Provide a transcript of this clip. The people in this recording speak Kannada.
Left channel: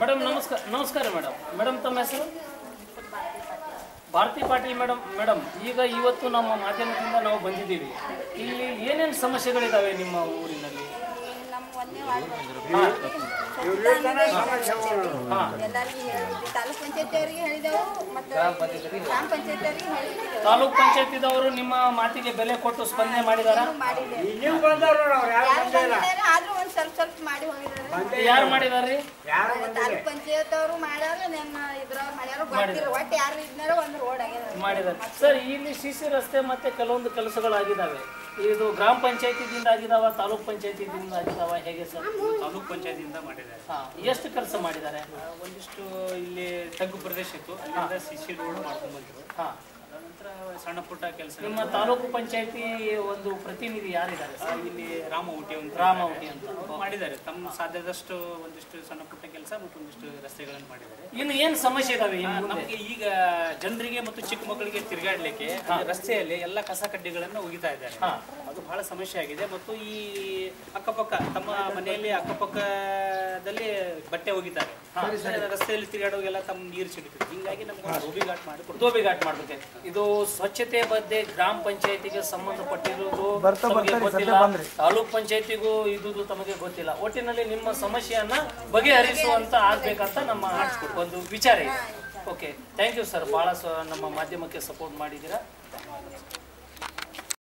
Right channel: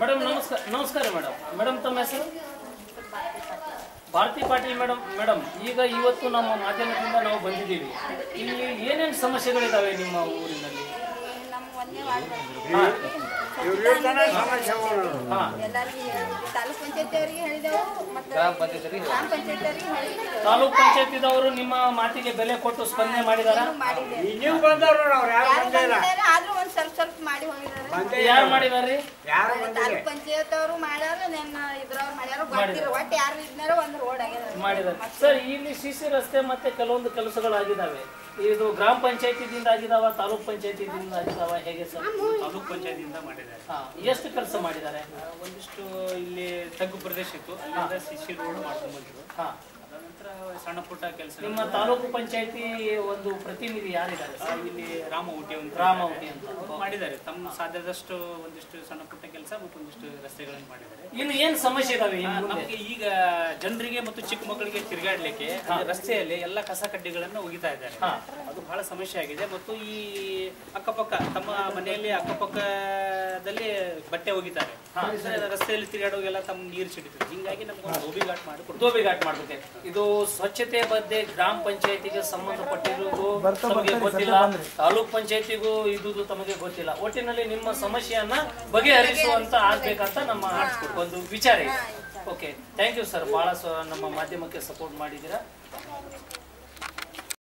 ಮೇಡಮ್ ನಮಸ್ಕಾರ. ನಮಸ್ಕಾರ ಮೇಡಮ್. ಮೇಡಮ್ ತಮ್ಮ ಹೆಸರು? ಭಾರತಿ ಪಾಟೀಲ್ ಮೇಡಮ್ ಈಗ ಇವತ್ತು ನಮ್ಮ ಮಾಧ್ಯಮದಿಂದ ನಾವು ಬಂದಿದ್ದೀವಿ. ಇಲ್ಲಿ ಏನೇನು ಸಮಸ್ಯೆಗಳಿದಾವೆ ನಿಮ್ಮ ಊರಿನಲ್ಲಿ? ತಾಲೂಕ್ ಪಂಚಾಯತಿದವರು ನಿಮ್ಮ ಮಾತಿಗೆ ಬೆಲೆ ಕೊಟ್ಟು ಸ್ಪಂದನೆ ಮಾಡಿದಾರ? ಯಾರು ಮಾಡಿದಾರ್ರಿ? ಮಾಡಿದಾರೆ ಸರ್. ಇಲ್ಲಿ ಸಿಸಿ ರಸ್ತೆ ಮತ್ತೆ ಕೆಲವೊಂದು ಕೆಲಸಗಳಾಗಿದ್ದಾವೆ. ಇದು ಗ್ರಾಮ ಪಂಚಾಯತಿದಿಂದ ಆಗಿದಾವ, ತಾಲೂಕ್ ಪಂಚಾಯತಿದಿಂದ ಆಗಿದಾವ, ಹೇಗೆ ಸರ್? ತಾಲೂಕ್ ಪಂಚಾಯತಿಯಿಂದ ಮಾಡಿದ್ದಾರೆ. ಎಷ್ಟು ಕೆಲಸ ಮಾಡಿದ್ದಾರೆ? ಒಂದಿಷ್ಟು ಇಲ್ಲಿ ತಗ್ಗು ಪ್ರದೇಶ ಇತ್ತು, ಅಲ್ಲಿಂದ ಸಿಸಿ ರೋಡ್ ಮಾಡ್ಕೊಂಡ್ ಬಂದ್ರು. ನಂತರ ಸಣ್ಣ ಪುಟ್ಟ ಕೆಲಸ. ನಿಮ್ಮ ತಾಲೂಕು ಪಂಚಾಯತಿ ಒಂದು ಪ್ರತಿನಿಧಿ ಯಾರಿದ್ದಾರೆ? ಇಲ್ಲಿ ರಾಮಹುಟಿ ಅಂತ ಮಾಡಿದ್ದಾರೆ. ತಮ್ಮ ಸಾಧ್ಯದಷ್ಟು ಒಂದಿಷ್ಟು ಸಣ್ಣ ಪುಟ್ಟ ಕೆಲಸ ಮತ್ತು ಒಂದಿಷ್ಟು ರಸ್ತೆಗಳನ್ನು ಮಾಡಿದ್ದಾರೆ. ಇನ್ನು ಏನ್ ಸಮಸ್ಯೆ ಇದಾವೆ ನಮಗೆ? ಈಗ ಜನರಿಗೆ ಮತ್ತು ಚಿಕ್ಕ ಮಕ್ಕಳಿಗೆ ತಿರುಗಾಡ್ಲಿಕ್ಕೆ ರಸ್ತೆಯಲ್ಲಿ ಎಲ್ಲ ಕಸ ಕಡ್ಡಿಗಳನ್ನು ಒಗಿತಾ ಇದ್ದಾರೆ. ಅದು ಬಹಳ ಸಮಸ್ಯೆ ಆಗಿದೆ. ಮತ್ತು ಈ ಅಕ್ಕಪಕ್ಕ ತಮ್ಮ ಮನೆಯಲ್ಲಿ ಅಕ್ಕಪಕ್ಕದಲ್ಲಿ ಬಟ್ಟೆ ಒಗಿತಾರೆ, ರಸ್ತೆಯಲ್ಲಿ ತಿರುಗಾಡುವಾಗೆಲ್ಲ ತಮ್ಮ ನೀರು ಸಿಡಿತಾರೆ. ಹಿಂಗಾಗಿ ನಮ್ಗೆ ಧೋಬಿ ಘಾಟ್ ಮಾಡ್ಬೇಕು. ಇದು ಸ್ವಚ್ಛತೆ ಬಗ್ಗೆ ಗ್ರಾಮ ಪಂಚಾಯತಿಗೆ ಸಂಬಂಧಪಟ್ಟಿರುವುದು ತಮಗೆ ಗೊತ್ತಿಲ್ಲ, ತಾಲೂಕ್ ಪಂಚಾಯತಿಗೂ ಇದುದು ತಮಗೆ ಗೊತ್ತಿಲ್ಲ. ಒಟ್ಟಿನಲ್ಲಿ ನಿಮ್ಮ ಸಮಸ್ಯೆಯನ್ನ ಬಗೆಹರಿಸುವಂತ ಆಗ್ಬೇಕಂತ ನಮ್ಮ ಒಂದು ವಿಚಾರ ಇದೆ. Okay, thank you sir. ಬಹಳ ನಮ್ಮ ಮಾಧ್ಯಮಕ್ಕೆ ಸಪೋರ್ಟ್ ಮಾಡಿದ್ದೀರಾ.